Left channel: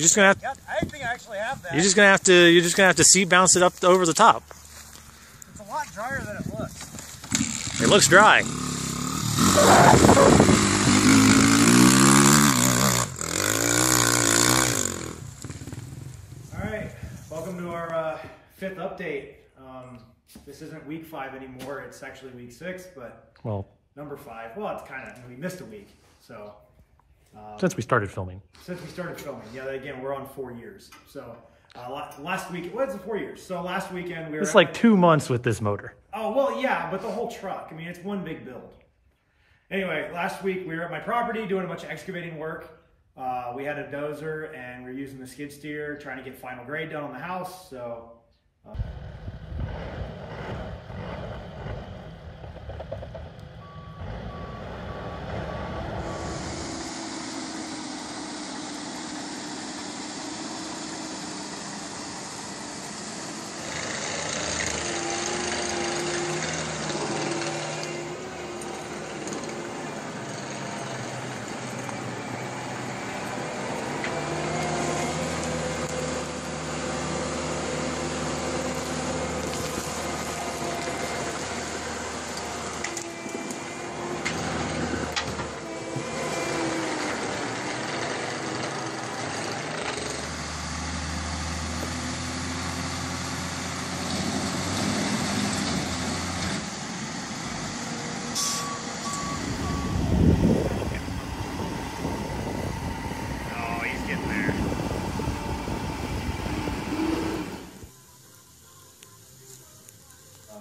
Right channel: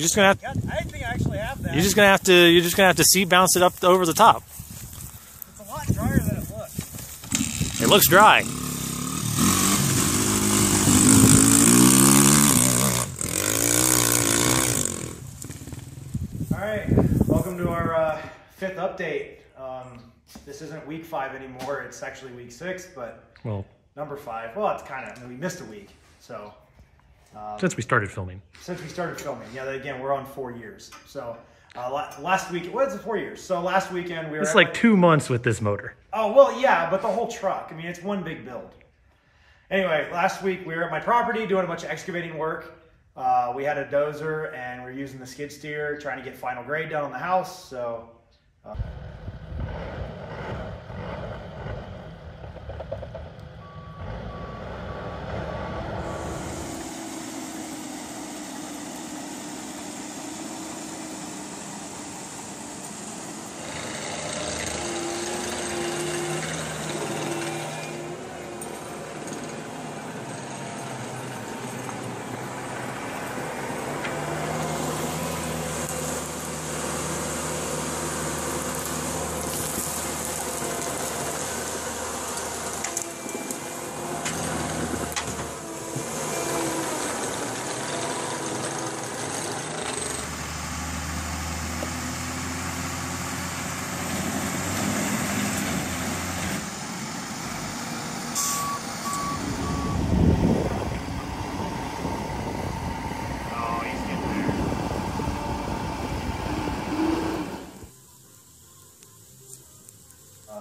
You're just gonna have. I think I actually have that. You're just gonna have to seat bounce it up over the top. It's a lot drier than it looks. It looks dry. All right, welcome to our 5th update. This isn't week 5 anymore. It's actually week 6, but number 5. Well, it's kind of, we missed a week. So since we started filming. Yeah. Again, we're on 4 years. So last week, what is it, 4 years? So last weekend we were. It's like 2 months with this motor. Oh well, yeah, but the whole truck. I mean, it's one big build. Anyway, last week we were at my property doing a bunch of excavating work. We had a dozer and we're using the skid steer trying to get final grade done on the house. So.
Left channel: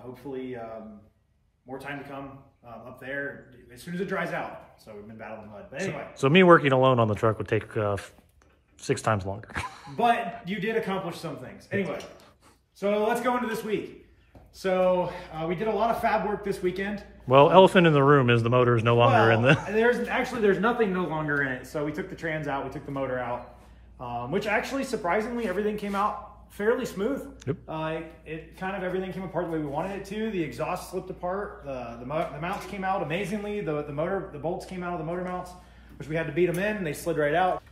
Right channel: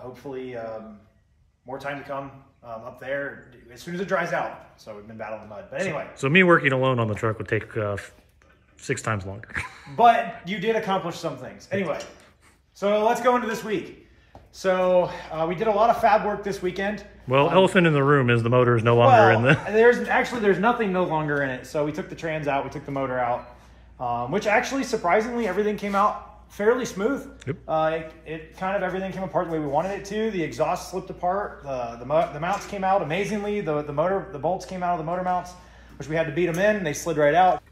Hopefully, more time to come up there as soon as it dries out. So we've been battling the mud. But anyway. So me working alone on the truck would take 6 times longer. But you did accomplish some things. Anyway, so let's go into this week. So we did a lot of fab work this weekend. Well, elephant in the room is the motor is no longer in the... There's nothing no longer in it. So we took the trans out, we took the motor out, which actually, surprisingly, everything came out fairly smooth. Yep. It kind of, everything came apart the way we wanted it to. The exhaust slipped apart. The mounts came out amazingly. The bolts came out of the motor mounts, which we had to beat them in. They slid right out.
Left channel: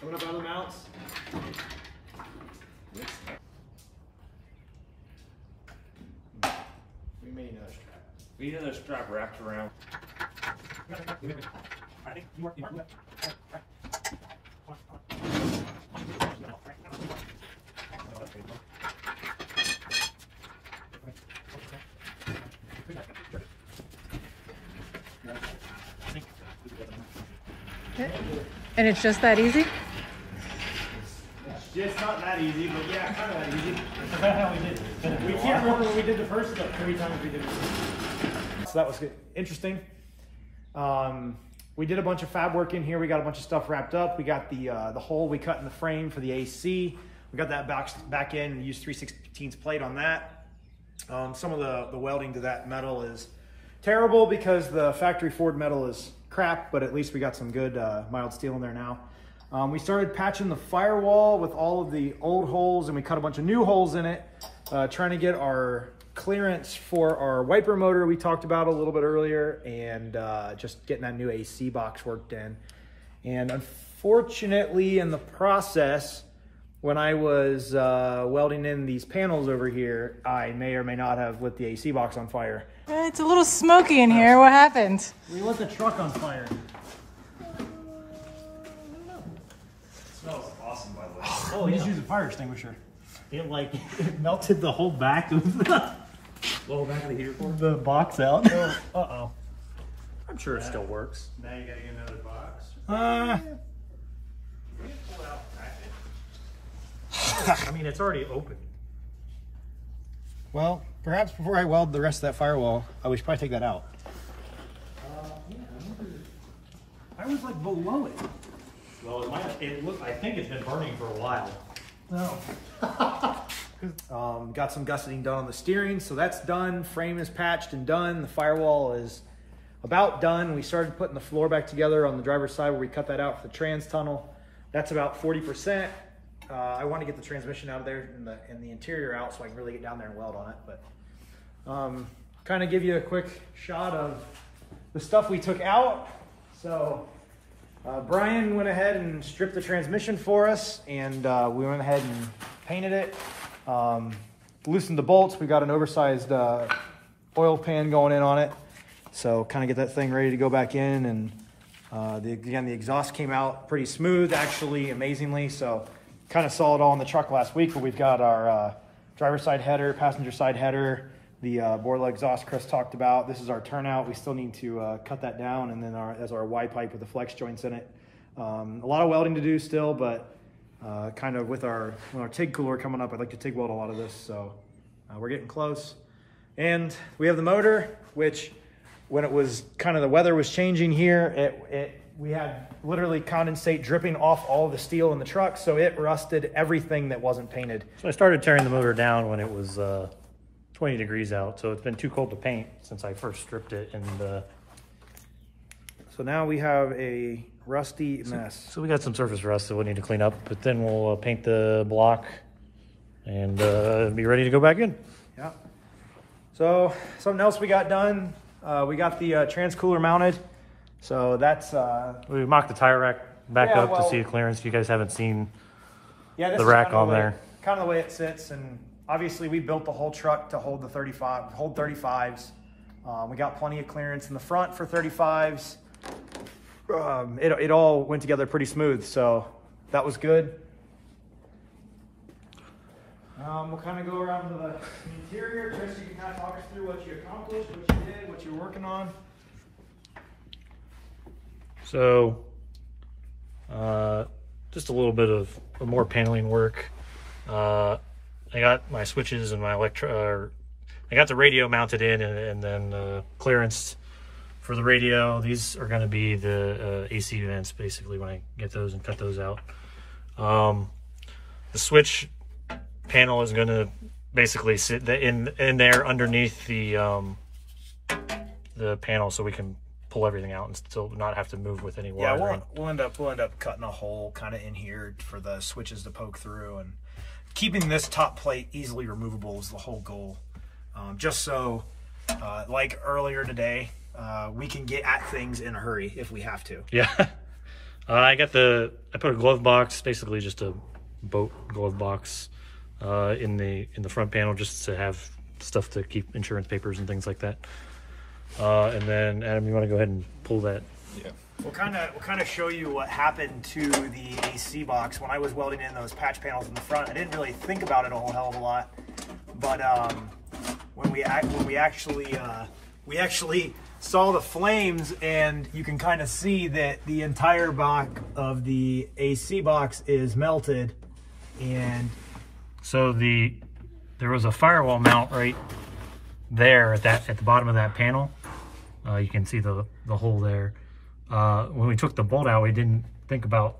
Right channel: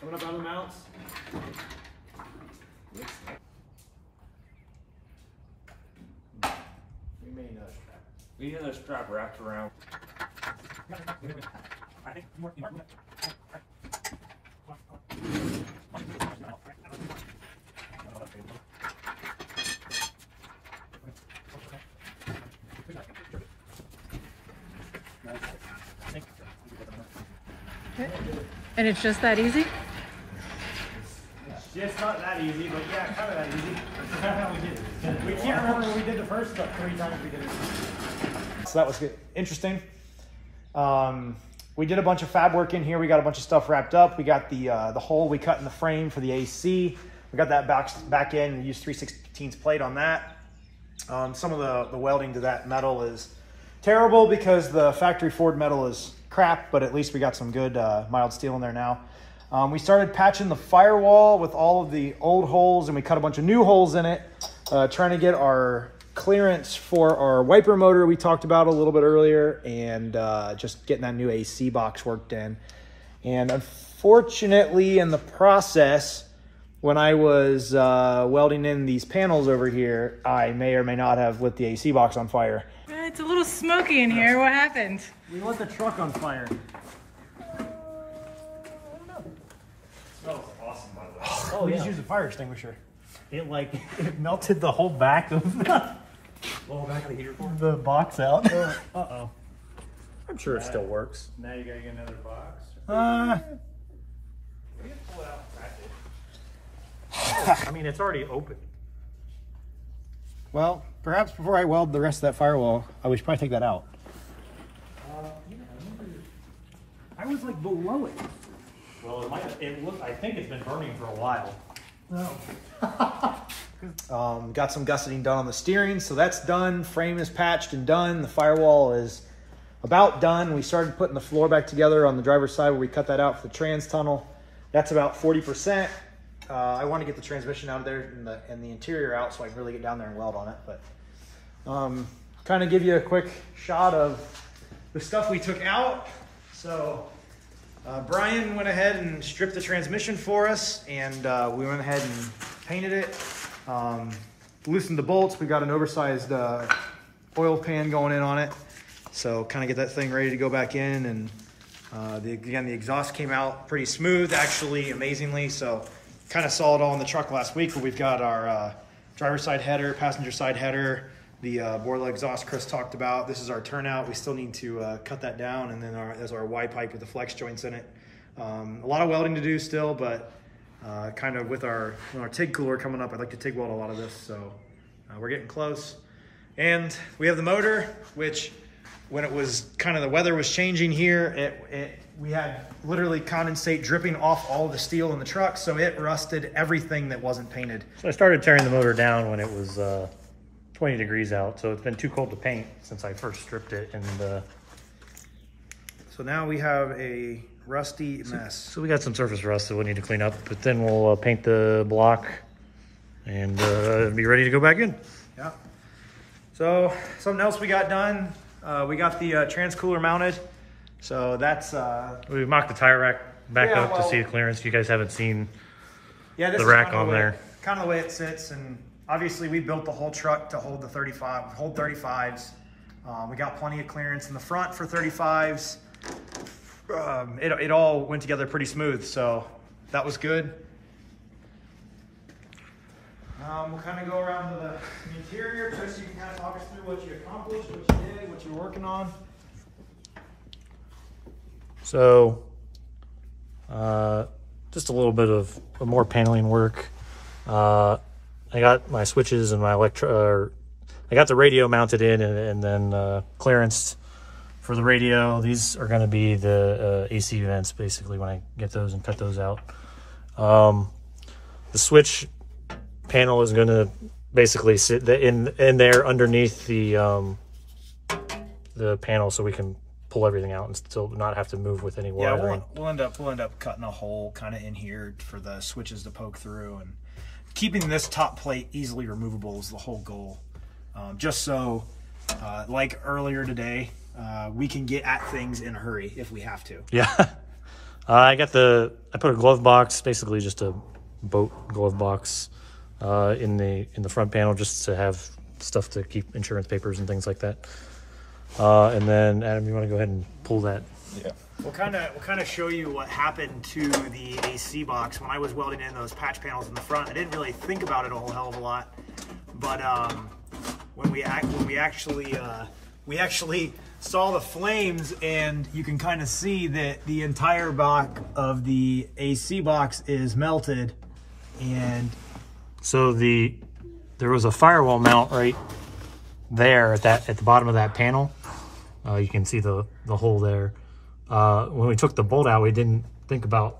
Coming up on the mounts. We may need another strap. We need another strap wrapped around. I think more. And it's just that easy? It's not that easy, but yeah, kind of that easy. That's how we did it. We can't remember what we did the first, like 3 times we did it. So that was good. Interesting. We did a bunch of fab work in here. We got a bunch of stuff wrapped up. We got the hole we cut in the frame for the AC. We got that back in. We used 3/16 plate on that. Some of the welding to that metal is terrible because the factory Ford metal is crap, but at least we got some good mild steel in there now. We started patching the firewall with all of the old holes, and we cut a bunch of new holes in it, trying to get our clearance for our wiper motor we talked about a little bit earlier, and just getting that new AC box worked in. And unfortunately, in the process, when I was welding in these panels over here, I may or may not have lit the AC box on fire. It's a little smoky in here. What happened? We lit the truck on fire. Smells awesome, by the way. Oh, we just used a fire extinguisher. It melted the whole back of Well, back of the heater. the box out. Uh-oh. I'm sure it still works. Now you gotta get another box. I mean, it's already open. Well, perhaps before I weld the rest of that firewall, I should probably take that out. I was like below it. Well, I think it's been burning for a while. No. Got some gusseting done on the steering, so that's done. Frame is patched and done. The firewall is about done. We started putting the floor back together on the driver's side where we cut that out for the trans tunnel. That's about 40%. I want to get the transmission out of there and the interior out so I can really get down there and weld on it. But kind of give you a quick shot of the stuff we took out. So Brian went ahead and stripped the transmission for us, and we went ahead and painted it. Loosened the bolts. We got an oversized oil pan going in on it. So kind of get that thing ready to go back in. And again, the exhaust came out pretty smooth, actually, amazingly. So kind of saw it all in the truck last week, but we've got our driver's side header, passenger side header, the Borla exhaust Chris talked about. This is our turnout. We still need to cut that down, and then there's our Y pipe with the flex joints in it. A lot of welding to do still, but kind of with our TIG cooler coming up, I'd like to TIG weld a lot of this, so we're getting close. And we have the motor, which when it was kind of the weather was changing here, we had literally condensate dripping off all the steel in the truck, so it rusted everything that wasn't painted. So I started tearing the motor down when it was 20 degrees out, so it's been too cold to paint since I first stripped it. And so now we have a rusty mess. So we got some surface rust that we'll need to clean up, but then we'll paint the block and be ready to go back in. Yeah. So something else we got done, we got the trans cooler mounted. So that's... we mocked the tire rack back up to see the clearance. You guys haven't seen the rack on there. Kind of the way it sits, and obviously we built the whole truck to hold the 35s. We got plenty of clearance in the front for 35s. It all went together pretty smooth, so that was good. We'll kind of go around to the interior just so you can kind of talk us through what you accomplished, what you did, what you're working on. So, just a little bit of more paneling work. I got my switches and my I got the radio mounted in, and then clearance for the radio. These are going to be the AC vents, basically, when I get those and cut those out. The switch panel is going to basically sit in there underneath the panel, so we can pull everything out and still not have to move with any wiring. Yeah, we'll end up cutting a hole kind of in here for the switches to poke through, and keeping this top plate easily removable is the whole goal. Just so, like earlier today, we can get at things in a hurry if we have to. Yeah. I put a glove box, basically just a boat glove box, in the front panel, just to have stuff to keep insurance papers and things like that. And then Adam, you want to go ahead and pull that? Yeah. We'll kind of show you what happened to the AC box when I was welding in those patch panels in the front. I didn't really think about it a whole hell of a lot, but when we actually saw the flames, and you can kind of see that the entire back of the AC box is melted, and so there was a firewall mount right there at the bottom of that panel. You can see the hole there. When we took the bolt out, we didn't think about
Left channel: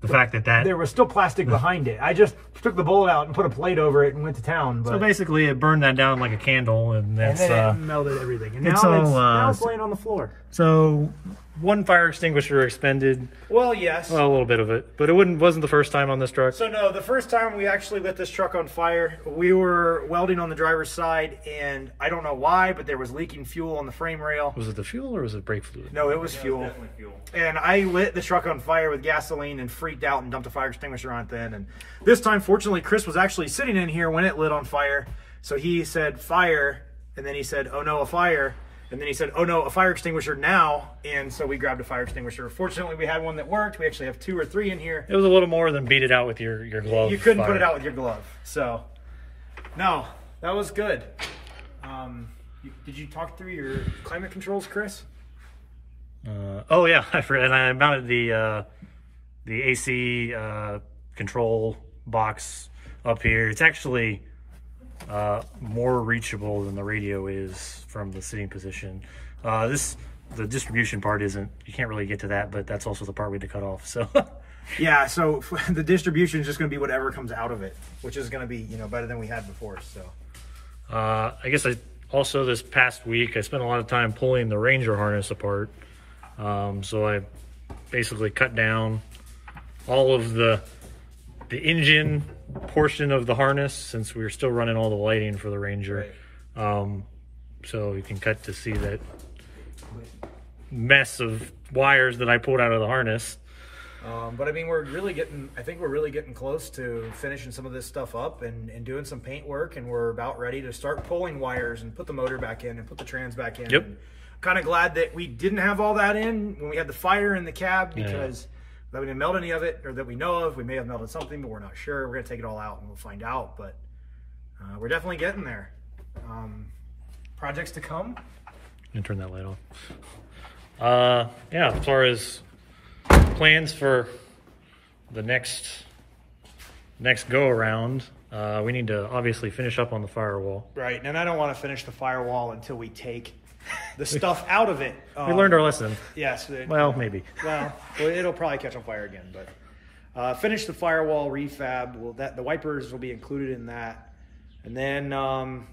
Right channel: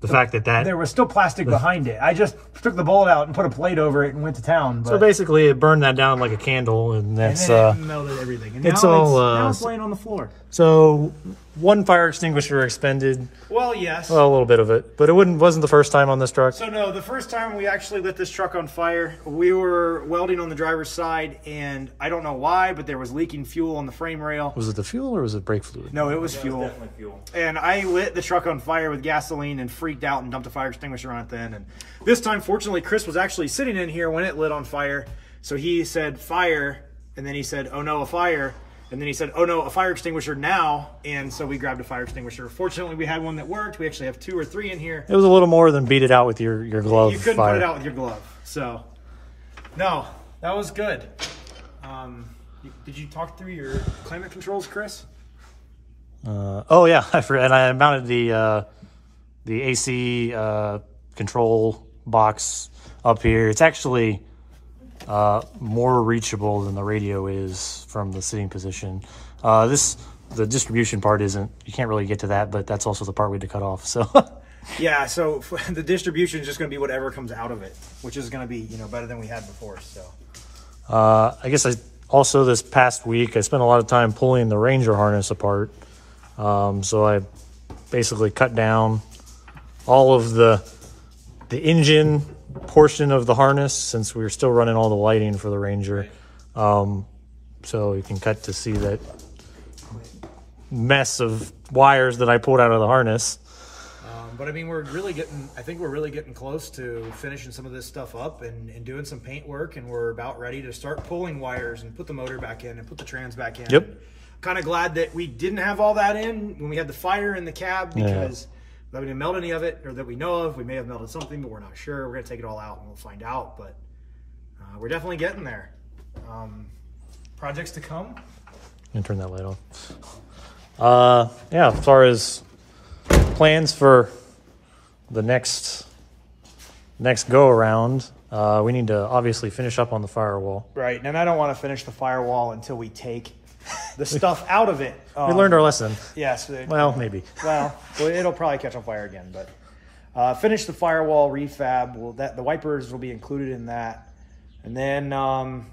the fact that there was still plastic behind it. I just took the bolt out and put a plate over it and went to town. But so basically, it burned that down like a candle, and then it melted everything. And it's now it's laying on the floor. So one fire extinguisher expended. Well, yes. Well, a little bit of it, but it wasn't the first time on this truck. So no, the first time we actually lit this truck on fire, we were welding on the driver's side, and I don't know why, but there was leaking fuel on the frame rail. Was it the fuel or was it brake fluid? No, it was fuel. It was definitely fuel. And I lit the truck on fire with gasoline and freaked out and dumped a fire extinguisher on it then. And this time, fortunately, Chris was actually sitting in here when it lit on fire. So he said fire, and then he said, "Oh no, a fire." And then he said, "Oh no, a fire extinguisher now." And so we grabbed a fire extinguisher. Fortunately, we had one that worked. We actually have 2 or 3 in here. It was a little more than beat it out with your glove. You couldn't put it out with your glove. So, no, that was good. Did you talk through your climate controls, Chris? Oh yeah, I forgot. And I mounted the AC control box up here. It's actually more reachable than the radio is from the sitting position. The distribution part isn't, you can't really get to that, but that's also the part we had to cut off. So yeah, so the distribution is just going to be whatever comes out of it, which is going to be, better than we had before. So I guess also this past week I spent a lot of time pulling the Ranger harness apart. So I basically cut down all of the engine portion of the harness, since we were still running all the lighting for the Ranger. so you can cut to see that mess of wires that I pulled out of the harness. But I mean, I think we're really getting close to finishing some of this stuff up and doing some paint work, and we're about ready to start pulling wires and put the motor back in and put the trans back in. Yep. Kind of glad that we didn't have all that in when we had the fire in the cab, because we didn't melt any of it, or that we know of. We may have melted something, but we're not sure. We're gonna take it all out and we'll find out, but we're definitely getting there. Projects to come. And turn that light off. Yeah, as far as plans for the next go around, we need to obviously finish up on the firewall. Right, and I don't want to finish the firewall until we take the stuff out of it. We learned our lesson. Yes. Well, maybe. Well, it'll probably catch on fire again, but finish the firewall refab. The wipers will be included in that, and then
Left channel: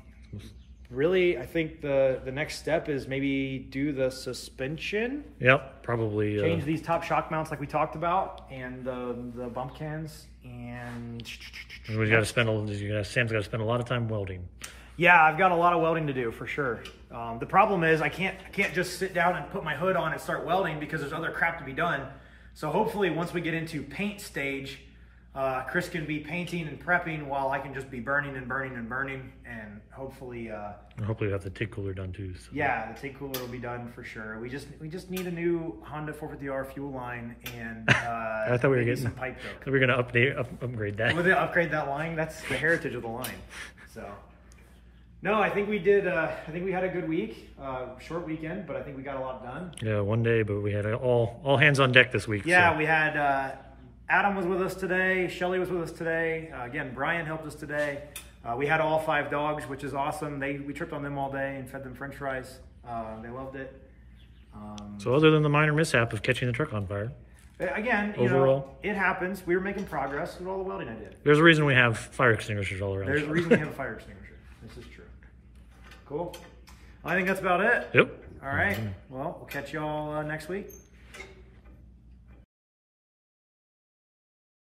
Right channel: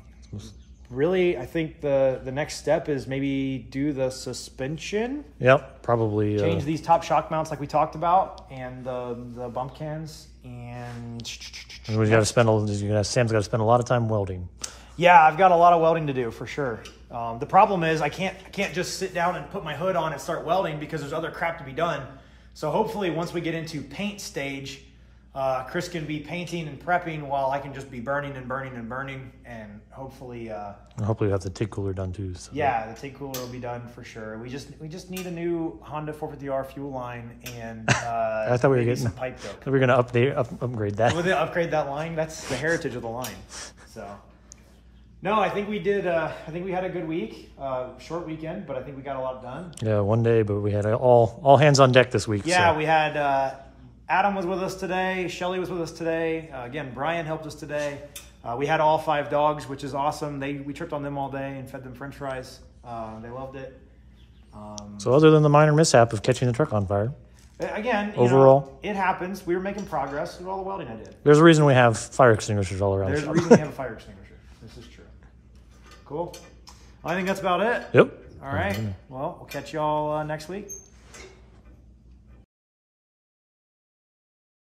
really, I think the next step is maybe do the suspension. Yep, probably. Change these top shock mounts like we talked about, and the bump cans, and we got to spend. Sam's got to spend a lot of time welding. Yeah, I've got a lot of welding to do for sure. The problem is I can't just sit down and put my hood on and start welding, because there's other crap to be done. So hopefully once we get into paint stage, Chris can be painting and prepping while I can just be burning and burning and burning, and hopefully hopefully we have the TIG cooler done too. So. Yeah, the TIG cooler will be done for sure. We just need a new Honda 450R fuel line, and I thought we were getting some pipe cook. We were going to upgrade that. We'll upgrade that line. That's the heritage of the line. So. No, I think we did. I think we had a good week, short weekend, but I think we got a lot done. Yeah, one day, but we had all hands on deck this week. Yeah, so. we had Adam was with us today. Shelly was with us today. Again, Brian helped us today. We had all 5 dogs, which is awesome. We tripped on them all day and fed them French fries. They loved it. So other than the minor mishap of catching the truck on fire, again, overall, it happens. We were making progress with all the welding I did. There's a reason we have fire extinguishers all around. There's a reason we have a fire extinguisher. This is true. Cool. I think that's about it. Yep. All right. Well, we'll catch y'all next week.